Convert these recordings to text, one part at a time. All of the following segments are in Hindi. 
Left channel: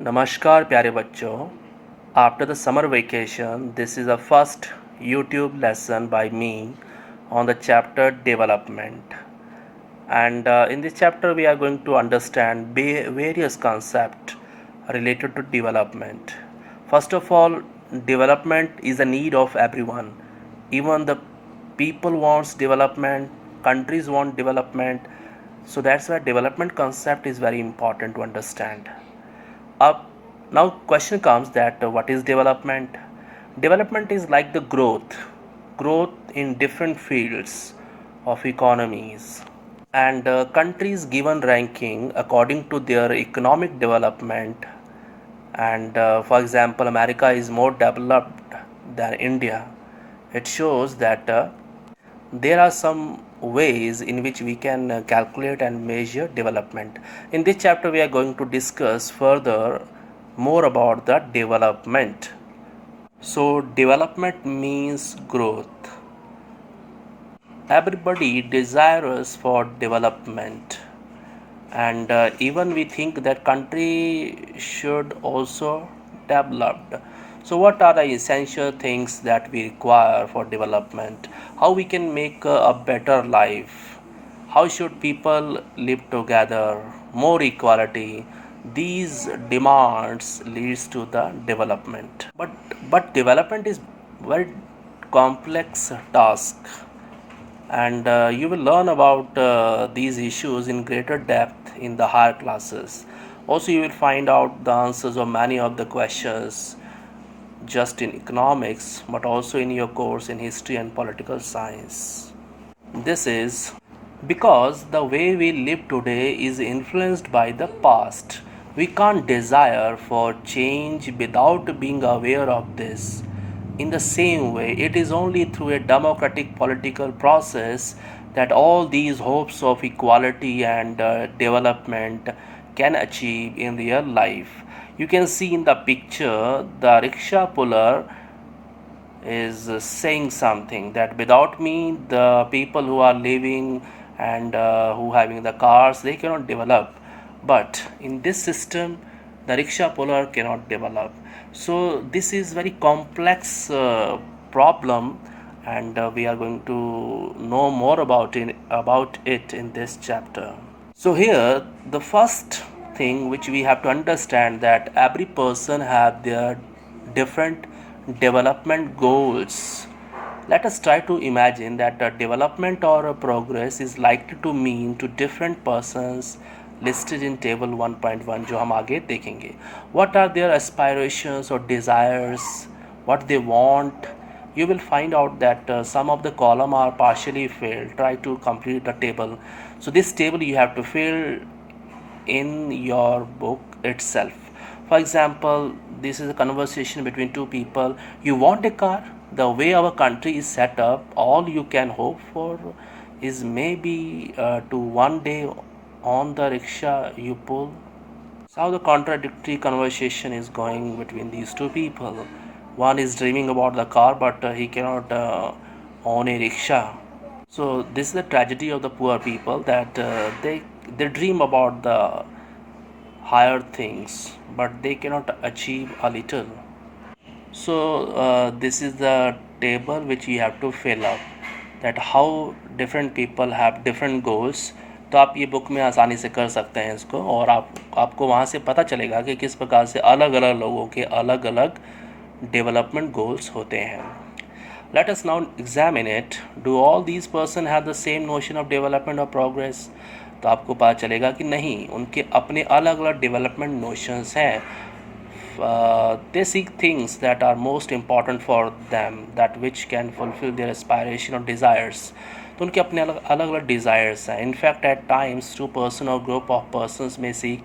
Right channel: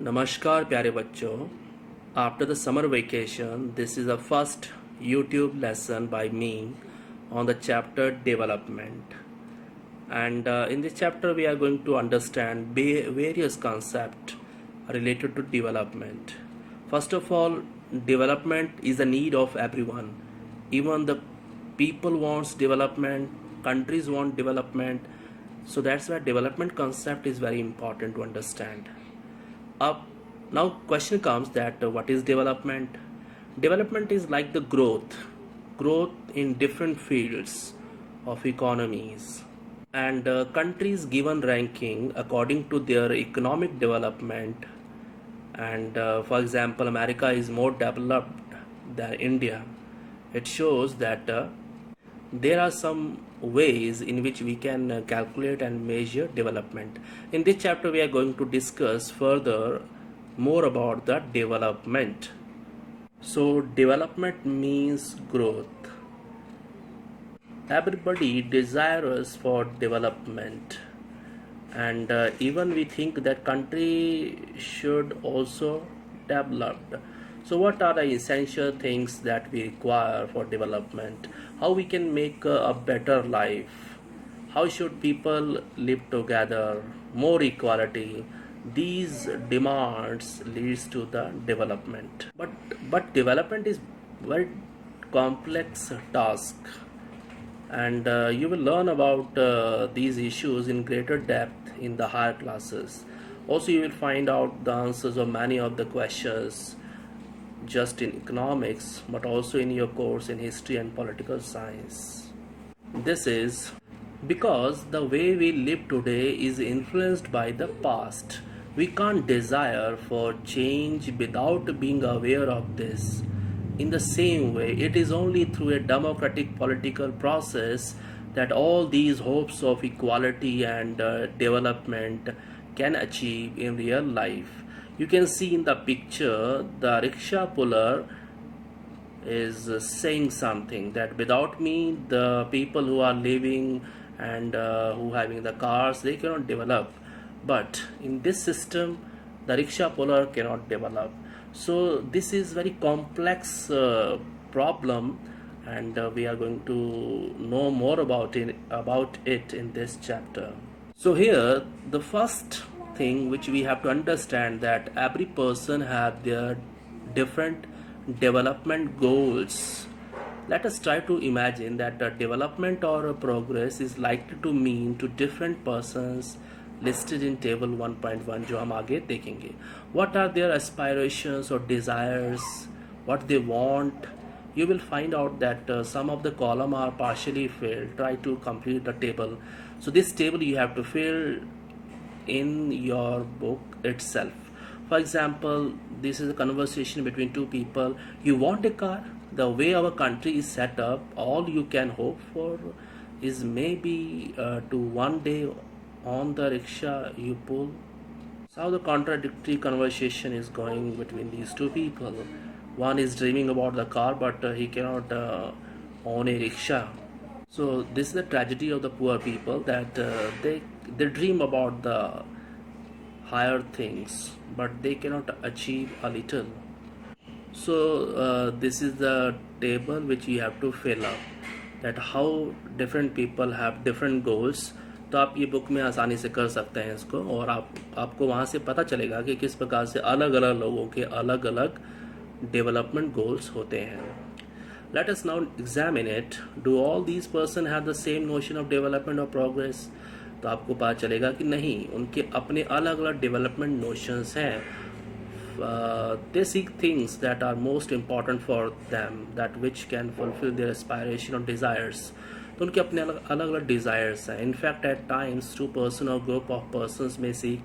नमस्कार प्यारे बच्चों। After the summer vacation, this is the first YouTube lesson by me on the chapter development. And in this chapter, we are going to understand various concepts related to development. First of all, development is a need of everyone. Even the people wants development, countries want development. So that's why development concept is very important to understand. Up Now question comes that what is development? Development is like the growth in different fields of economies, and countries given ranking according to their economic development. And for example, America is more developed than India. It shows that there are some ways in which we can calculate and measure development. In this chapter, we are going to discuss further more about the development. So, development means growth. Everybody desires for development, and even we think that country should also develop. So what are the essential things that we require for development? How we can make a better life? How should people live together? More equality. These demands leads to the development. But development is very complex task, and you will learn about these issues in greater depth in the higher classes. Also, you will find out the answers of many of the questions just in economics, but also in your course in history and political science. This is because the way we live today is influenced by the past. We can't desire for change without being aware of this. In the same way, it is only through a democratic political process that all these hopes of equality and development can achieve in real life. You can see in the picture the rickshaw puller is saying something that without me, the people who are living and who having the cars, they cannot develop. But in this system, the rickshaw puller cannot develop. So this is very complex problem, and we are going to know more about it in this chapter. So here, the first thing which we have to understand that every person have their different development goals. Let us try to imagine that a development or a progress is likely to mean to different persons listed in table 1.1 जो हम आगे देखेंगे. What are their aspirations or desires, what they want? You will find out that some of the column are partially filled. Try to complete the table. So this table you have to fill in your book itself. For example, this is a conversation between two people. You want a car? The way our country is set up, all you can hope for is maybe to one day on the rickshaw you pull. So how the contradictory conversation is going between these two people. One is dreaming about the car, but he cannot own a rickshaw. So this is the tragedy of the poor people, that they dream about the higher things, but they cannot achieve a little. So this is the table which you have to fill up, that how different people have different goals. तो आप ये बुक में आसानी से कर सकते हैं इसको, और आपको वहाँ से पता चलेगा कि किस प्रकार से अलग अलग लोगों के अलग अलग डेवलपमेंट गोल्स होते हैं. Let us now examine it. Do all these person have the same notion of development or progress? तो आपको पता चलेगा कि नहीं, उनके अपने अलग अलग डेवलपमेंट नोशंस हैं. They seek things that are most important for them, that which can fulfill their aspiration or desires. तो उनके अपने अलग अलग डिज़ायर्स हैं. In fact at times two person और ग्रुप ऑफ पर्सनस में seek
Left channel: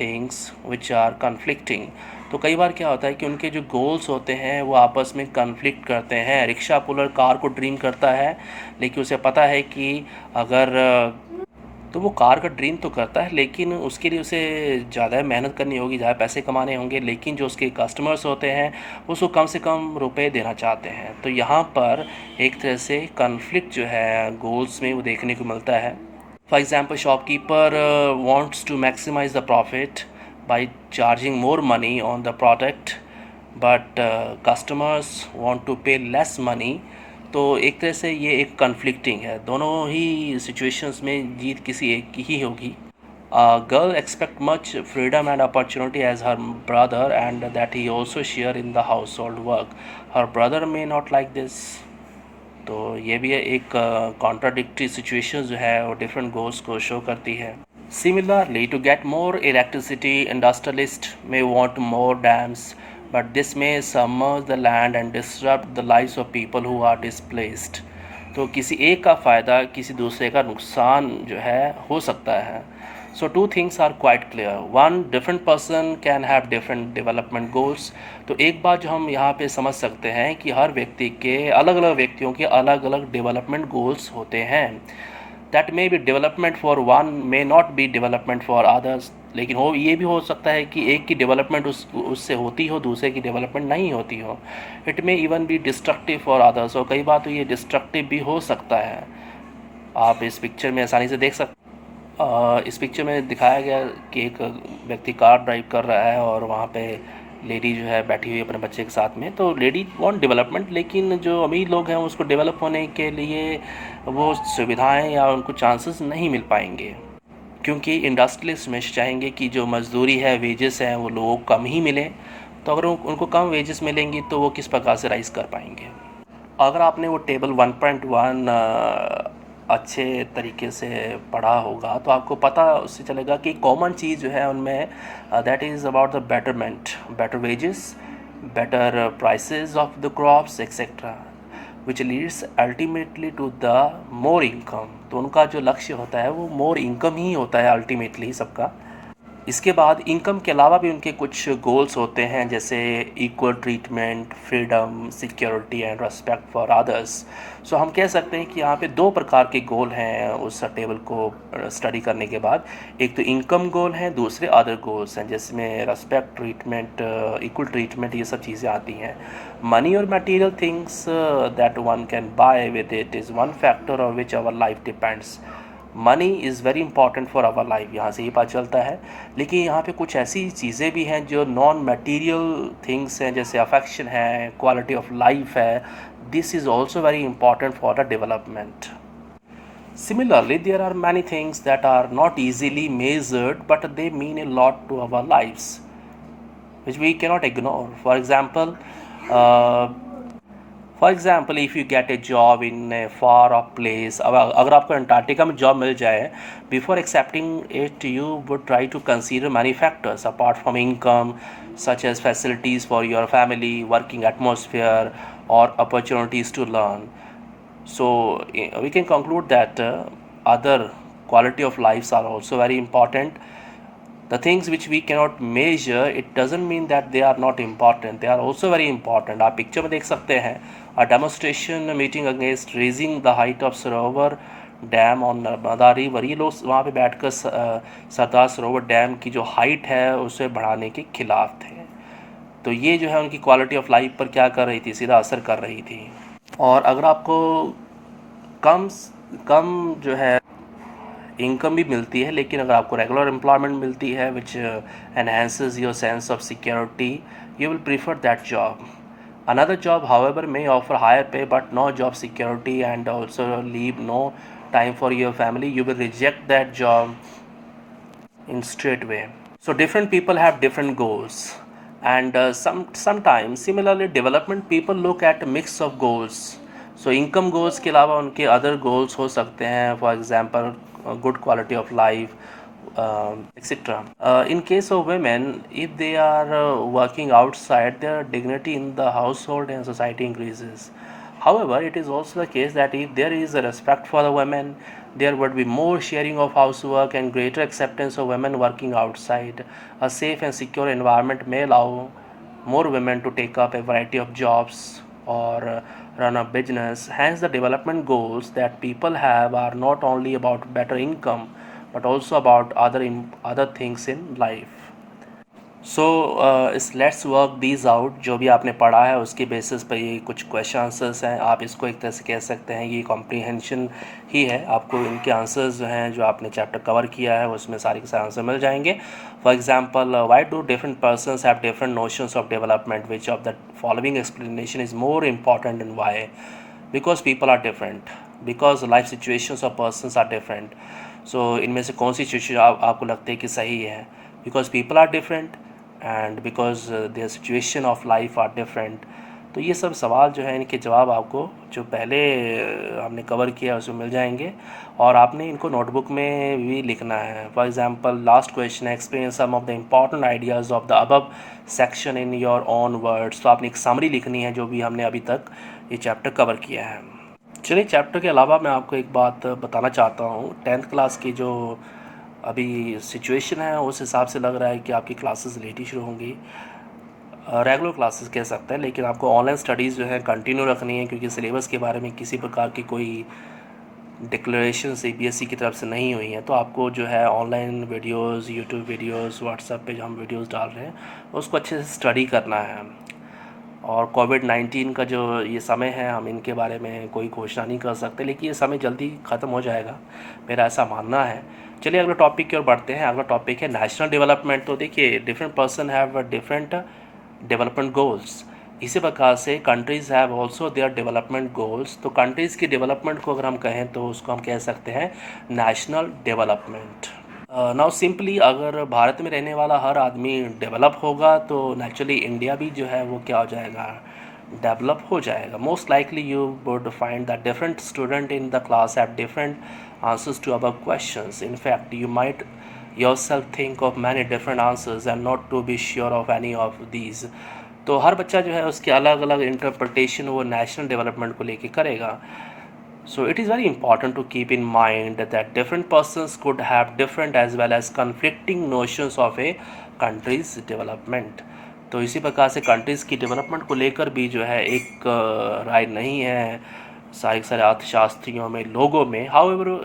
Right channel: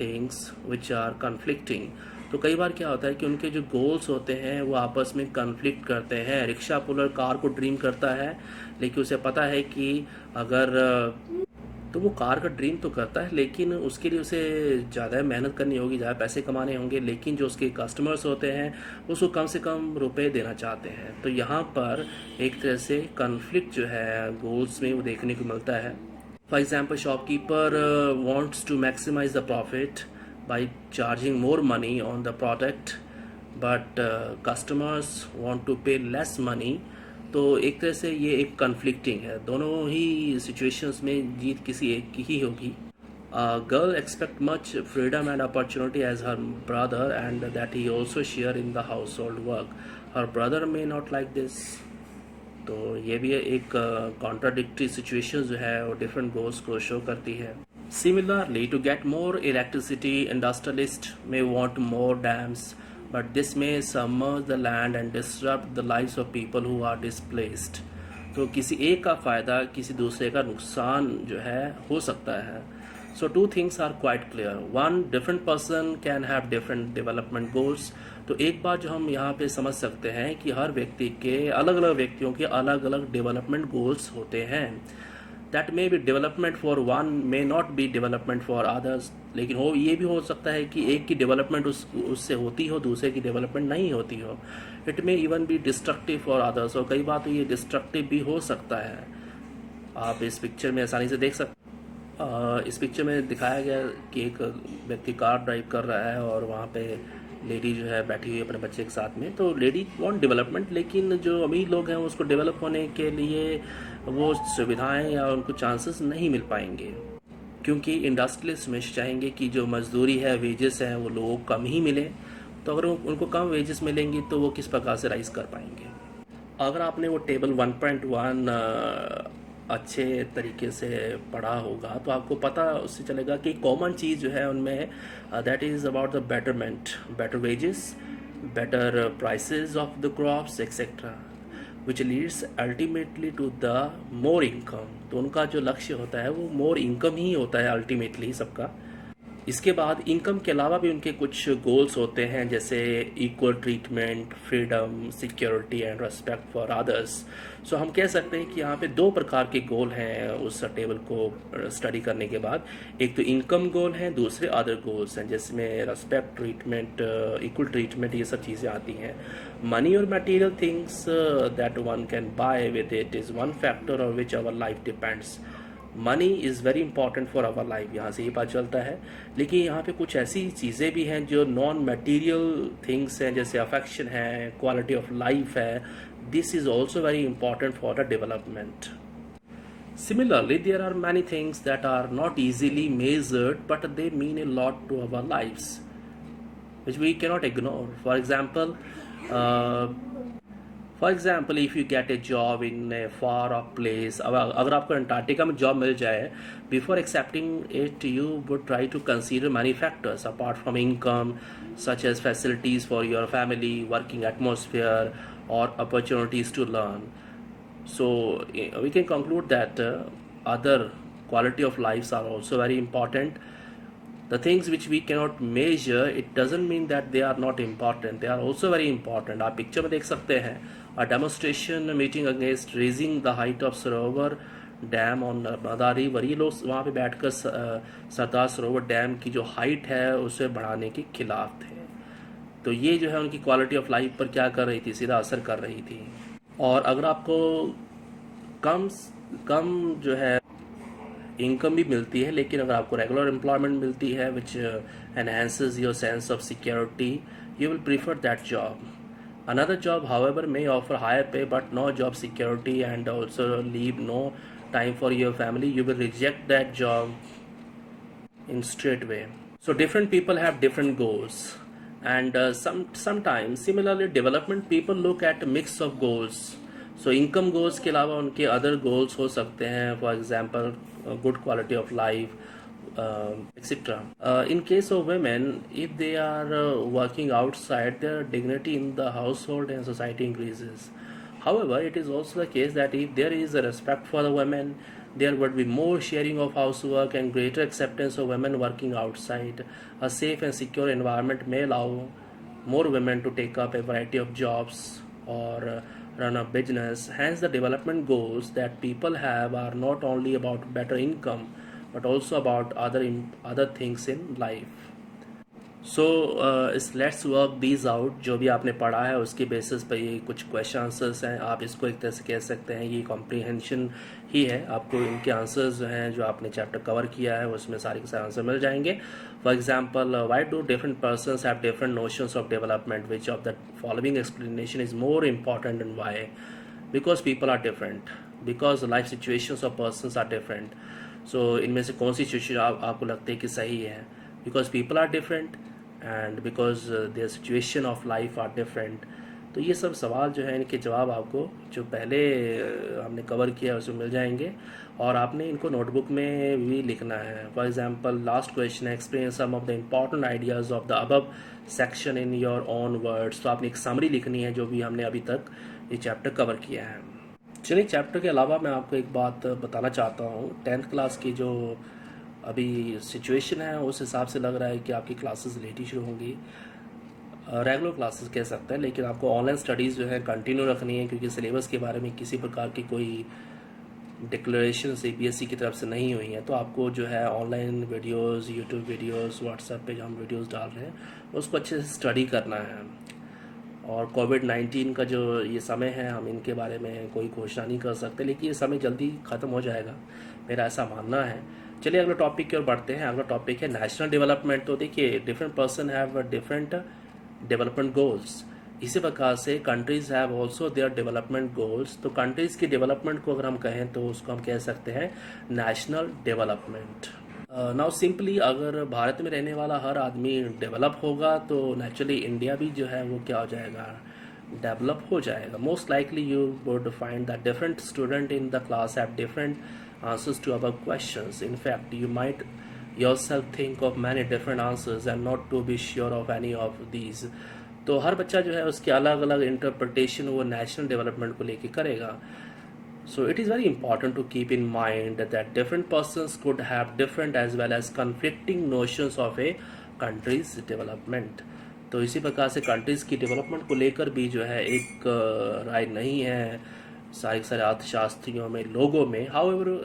things which are conflicting. तो कई बार क्या होता है कि उनके जो गोल्स होते हैं वो आपस में कन्फ्लिक्ट करते हैं. रिक्शा पुलर कार को ड्रीम करता है, लेकिन उसे पता है कि अगर तो वो कार का ड्रीम तो करता है, लेकिन उसके लिए उसे ज़्यादा मेहनत करनी होगी, ज़्यादा पैसे कमाने होंगे. लेकिन जो उसके कस्टमर्स होते हैं उसको कम से कम रुपए देना चाहते हैं. तो यहाँ पर एक तरह से कन्फ्लिक्ट जो है गोल्स में वो देखने को मिलता है. For example, shopkeeper wants to maximize the profit, by charging more money on the product, but customers want to pay less money. तो एक तरह से ये एक कन्फ्लिक्टिंग है, दोनों ही सिचुएशंस में जीत किसी एक की ही होगी. A girl expect much freedom and opportunity as her brother, and that he also share in the household work. Her brother may not like this. तो ये भी एक कॉन्ट्राडिक्टरी सिचुएशन जो है वो डिफरेंट गोल्स को शो करती है. Similarly, to get more electricity, industrialist may want more dams, but this may submerge the land and disrupt the lives of people who are displaced. तो किसी एक का फ़ायदा किसी दूसरे का नुकसान जो है हो सकता है. So two things are quite clear. One, different person can have different development goals. तो एक बात जो हम यहाँ पे समझ सकते हैं कि हर व्यक्ति के अलग अलग व्यक्तियों के अलग अलग डेवलपमेंट गोल्स होते हैं. That may be development for one, may not be development for others. लेकिन हो ये भी हो सकता है कि एक की डेवलपमेंट उससे होती हो, दूसरे की डेवलपमेंट नहीं होती हो. It may even be destructive for others. और कई बार तो ये डिस्ट्रक्टिव भी हो सकता है. आप इस पिक्चर में आसानी से देख सकते. इस पिक्चर में दिखाया गया कि एक व्यक्ति कार ड्राइव कर रहा है और वहाँ पे लेडी जो है बैठी हुई अपने बच्चे के साथ में. तो लेडी वांट डेवलपमेंट, लेकिन जो अमीर लोग हैं उसको डेवलप होने के लिए वो सुविधाएं या उनको चांसेस नहीं मिल पाएंगे, क्योंकि इंडस्ट्रियलिस्ट में चाहेंगे कि जो मजदूरी है, वेजेस हैं, वो लोगों को कम ही मिले. तो अगर उनको कम वेजेस मिलेंगी तो वो किस प्रकार से राइज कर पाएंगे. अगर आपने वो टेबल 1.1 अच्छे तरीके से पढ़ा होगा तो आपको पता उससे चलेगा कि कॉमन चीज़ जो है उनमें that is about the betterment, better wages, better prices of the crops etcetera, which leads ultimately to the more income. तो उनका जो लक्ष्य होता है वो मोर इनकम ही होता है अल्टीमेटली सबका. इसके बाद इनकम के अलावा भी उनके कुछ गोल्स होते हैं, जैसे equal treatment, freedom, security and respect for others. So हम कह सकते हैं कि यहाँ पे दो प्रकार के गोल हैं उस टेबल को स्टडी करने के बाद. एक तो इनकम गोल है, दूसरे अदर गोल्स हैं जिसमें रेस्पेक्ट, ट्रीटमेंट, इक्वल ट्रीटमेंट, ये सब चीज़ें आती हैं. मनी और material things that one can buy with it is one factor on which our life depends. Money is very important for our life, यहाँ से ये पता चलता है. लेकिन यहाँ पे कुछ ऐसी चीज़ें भी हैं जो नॉन मटेरियल थिंग्स हैं, जैसे अफेक्शन है, क्वालिटी ऑफ लाइफ है. This is also very important for the development. Similarly, there are many things that are not easily measured, but they mean a lot to our lives, which we cannot ignore. For example, if you get a job in a far off place, अगर आपको अंटार्कटिका में जॉब मिल जाए, before accepting it, you would try to consider many factors apart from income, such as facilities for your family, working atmosphere, or opportunities to learn. So we can conclude that other quality of lives are also very important. The things which we cannot measure, it doesn't mean that they are not important. They are also very important. आप पिक्चर में देख सकते हैं a demonstration meeting against raising the height of Sarovar dam on Narmada river. ये लोग वहाँ पे बैठकर सरदार सरोवर डैम की जो हाइट है उसे बढ़ाने के खिलाफ थे. तो ये जो है उनकी क्वालिटी ऑफ लाइफ पर क्या कर रही थी, सीधा असर कर रही थी. और अगर आपको कम जो है इनकम भी मिलती है, लेकिन अगर आपको रेगुलर एम्प्लॉयमेंट मिलती है which enhances your sense of security, you will prefer that job. Another job, however, may offer higher pay but no job security and also leave no time for your family. You will reject that job in straight way. So different people have different goals, and sometimes similarly development people look at a mix of goals. So income goals के अलावा उनके other goals हो सकते हैं, for example good quality of life, etc. In case of women, if they are working outside, their dignity in the household and society increases. However, it is also the case that if there is a respect for the women, there would be more sharing of housework and greater acceptance of women working outside. A safe and secure environment may allow more women to take up a variety of jobs or run a business. Hence, the development goals that people have are not only about better income but also about other things in life. सो इस लेट्स वर्क दीज आउट। जो भी आपने पढ़ा है उसके बेसिस पर ये कुछ क्वेश्चन आंसर्स हैं। आप इसको एक तरह से कह सकते हैं ये कॉम्प्रीहेंशन ही है। आपको इनके आंसर्स जो हैं जो आपने चैप्टर कवर किया है उसमें सारे के सारे आंसर मिल जाएंगे। For example, why do different persons have different notions of development, which of the following explanation is more important and why? Because people are different, because life situations of persons are different. So इनमें से कौन सी सिचुएशन आपको लगती है कि सही है? Because people are different and because there situation of life are different. तो ये सब सवाल जो है इनके जवाब आपको जो पहले हमने कवर किया उसमें मिल जाएंगे और आपने इनको नोटबुक में भी लिखना है। फॉर एग्जांपल, लास्ट क्वेश्चन है, explain some of the important ideas of the above section in your own words. तो आपने एक समरी लिखनी है जो भी हमने अभी तक ये चैप्टर कवर किया है। चलिए, चैप्टर के अलावा मैं आपको एक बात बताना चाहता हूँ। 10th क्लास की जो अभी सिचुएशन है उस हिसाब से लग रहा है कि आपकी क्लासेस लेट ही शुरू होंगी। रेगुलर क्लासेस कह सकते हैं, लेकिन आपको ऑनलाइन स्टडीज़ जो है कंटिन्यू रखनी है क्योंकि सिलेबस के बारे में किसी प्रकार की कोई डिक्लेरेशन सीबीएसई की तरफ से नहीं हुई है। तो आपको जो है online videos, YouTube videos, WhatsApp पे जो हम वीडियोस डाल रहे हैं उसको अच्छे से स्टडी करना है। और कोविड-19 का जो ये समय है हम इनके बारे में कोई घोषणा नहीं कर सकते, लेकिन ये समय जल्दी ख़त्म हो जाएगा, मेरा ऐसा मानना है। चलिए अगले टॉपिक की ओर बढ़ते हैं। अगला टॉपिक है नेशनल डेवलपमेंट। तो देखिए, different person have different development goals. इसी प्रकार से countries have also their development goals. तो कंट्रीज़ की डेवलपमेंट को अगर हम कहें तो उसको हम कह सकते हैं नेशनल डेवलपमेंट। नाउ सिंपली अगर भारत में रहने वाला हर आदमी डेवलप होगा तो नेचुरली इंडिया भी जो है वो क्या हो जाएगा, डेवलप हो जाएगा। Most likely you would find that different student in the class have different answers to above questions. In fact you might yourself think of many different answers and not to be sure of any of these। तो हर बच्चा जो है उसकी अलग अलग इंटरप्रटेशन वो नेशनल डेवलपमेंट को लेके करेगा। So it is very important to keep in mind that different persons could have different as well as conflicting notions of a country's development। तो इसी प्रकार से कंट्रीज़ की डेवलपमेंट को लेकर भी जो है एक राय नहीं है सारे अर्थशास्त्रियों में, लोगों में। However,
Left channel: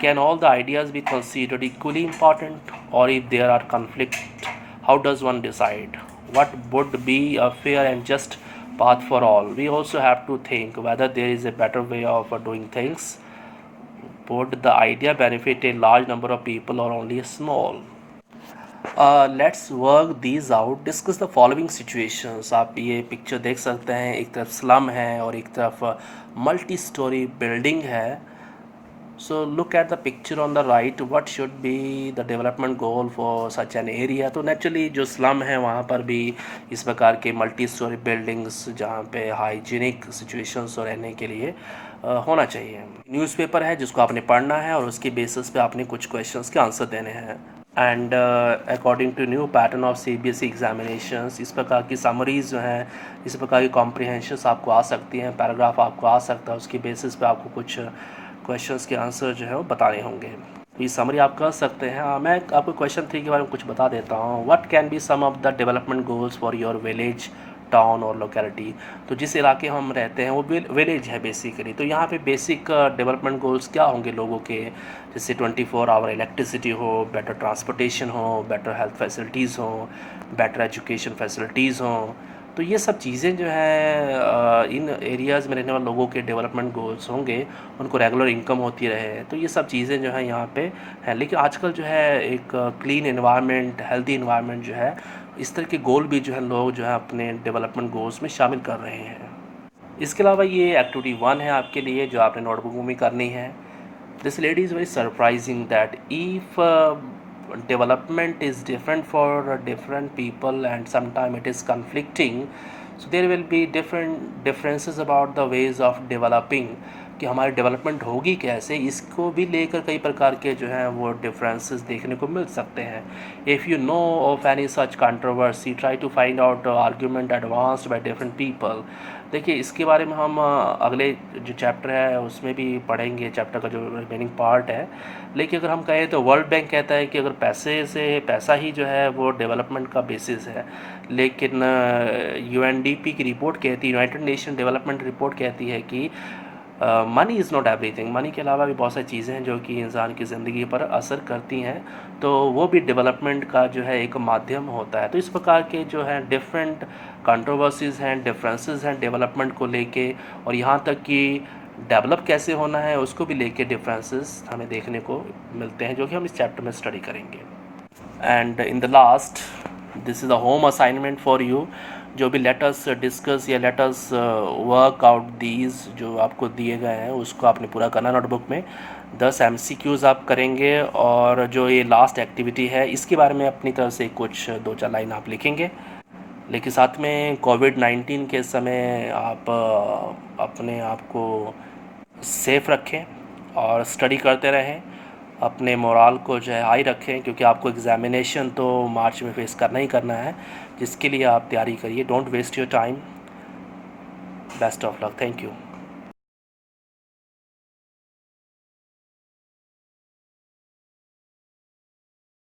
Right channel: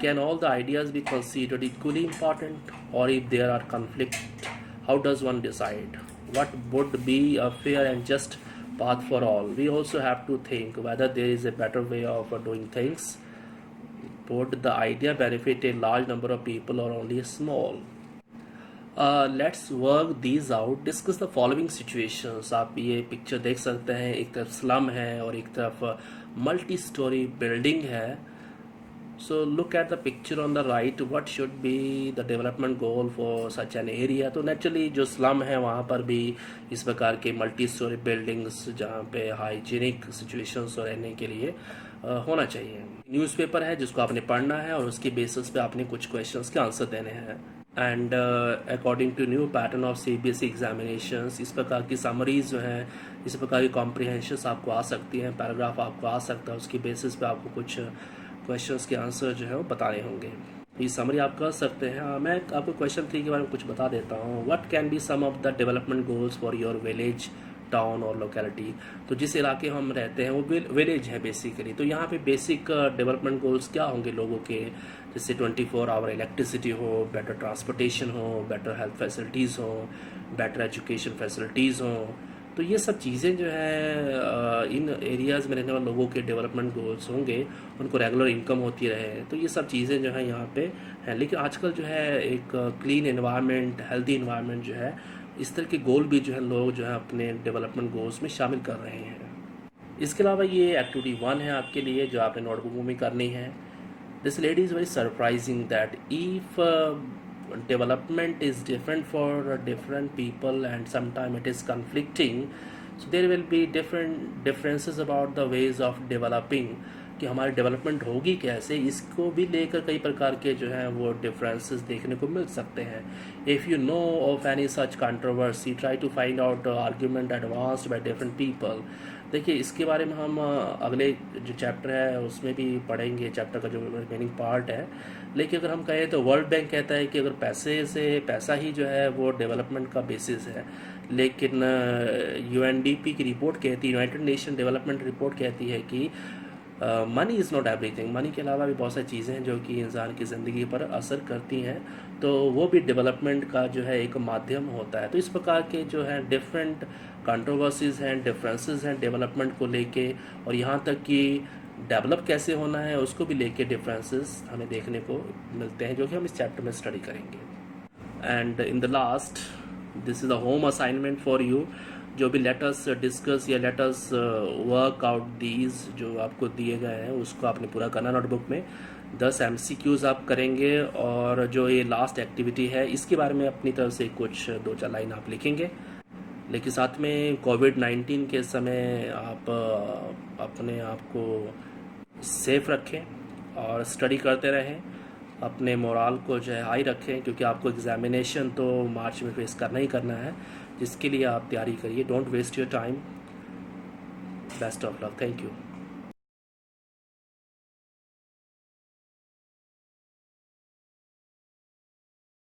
can all the ideas be considered equally important, or if there are conflict, how does one decide what would be a fair and just path for all? We also have to think whether there is a better way of doing things. Would the idea benefit a large number of people or only a small? Let's work these out. Discuss the following situations. आप ये पिक्चर देख सकते हैं, एक तरफ स्लम है और एक तरफ मल्टी स्टोरी बिल्डिंग है। So look at the picture on the right. What should be the development goal for such an area? तो नेचुरली जो स्लम है वहाँ पर भी इस प्रकार के मल्टी स्टोरी बिल्डिंग्स जहाँ पे हाइजीनिक सिचुएशंस रहने के लिए होना चाहिए। न्यूज़पेपर है जिसको आपने पढ़ना है और उसके बेसिस पे आपने कुछ क्वेश्चंस के आंसर देने हैं। And according to new pattern of CBSE examinations, इस प्रकार की समरीज जो हैं, इस प्रकार की कॉम्प्रिहेंशंस आपको आ सकती हैं, पैराग्राफ आपको आ सकता है, उसकी बेसिस पे आपको कुछ क्वेश्चंस के आंसर जो है वो बताने होंगे। ये समरी आप कर सकते हैं। मैं आपको क्वेश्चन 3 के बारे में कुछ बता देता हूँ। What can be some of the development goals for your village, town और लोकेलिटी? तो जिस इलाके हम रहते हैं वो विलेज है बेसिकली। तो यहाँ पे बेसिक डेवलपमेंट गोल्स क्या होंगे लोगों के? जैसे 24 आवर इलेक्ट्रिसिटी हो, बेटर ट्रांसपोर्टेशन हो, बेटर हेल्थ फैसिलिटीज़ हो, बेटर एजुकेशन फैसिलिटीज़ हो। तो ये सब चीज़ें जो है इन एरियाज़ में रहने वाले लोगों के डेवलपमेंट गोल्स होंगे। उनको रेगुलर इनकम होती रहे, तो ये सब चीज़ें जो हैं यहाँ पे हैं। लेकिन आजकल जो है एक क्लीन एनवायरनमेंट, हेल्दी एनवायरनमेंट जो है, इस तरह के गोल भी जो है लोग जो है अपने डेवलपमेंट गोल्स में शामिल कर रहे हैं। इसके अलावा ये एक्टिविटी 1 है आपके लिए जो आपने नोटबुक में करनी है। This lady is very surprising that if development is different for different people and sometimes it is conflicting, so there will be differences about the ways of developing कि हमारी डेवलपमेंट होगी कैसे, इसको भी लेकर कई प्रकार के जो हैं वो डिफरेंसेस देखने को मिल सकते हैं। If you know of any such controversy, try to find out argument advanced by different people. देखिए, इसके बारे में हम अगले जो चैप्टर है उसमें भी पढ़ेंगे, चैप्टर का जो रिमेनिंग पार्ट है। लेकिन अगर हम कहें तो वर्ल्ड बैंक कहता है कि अगर पैसा ही जो है वो डेवलपमेंट का बेसिस है। लेकिन यूएनडीपी की रिपोर्ट कहती है, यूनाइटेड नेशन डेवलपमेंट रिपोर्ट कहती है कि money is not everything, money के अलावा भी बहुत सारी चीज़ें हैं जो कि इंसान की ज़िंदगी पर असर करती हैं, तो वो भी डेवलपमेंट का जो है एक माध्यम होता है। तो इस प्रकार के जो है डिफरेंट कंट्रोवर्सीज़ हैं, डिफरेंसेस हैं डेवलपमेंट को लेके, और यहाँ तक कि डेवलप कैसे होना है उसको भी लेके डिफरेंसेस हमें देखने को मिलते हैं, जो कि हम इस चैप्टर में स्टडी करेंगे। And in the last, this is a home assignment for you. जो भी लेट अस डिस्कस या let us work out these जो आपको दिए गए हैं उसको आपने पूरा करना नोटबुक में। 10 MCQs आप करेंगे, और जो ये लास्ट एक्टिविटी है इसके बारे में अपनी तरफ से कुछ 2-4 लाइन आप लिखेंगे। लेकिन साथ में कोविड-19 के समय आप अपने आप को सेफ रखें और स्टडी करते रहें, अपने मोराल को जो है हाई रखें, क्योंकि आपको एग्ज़ामिनेशन तो मार्च में फेस करना ही करना है, जिसके लिए आप तैयारी करिए। Don't waste your time. Best of luck. Thank you.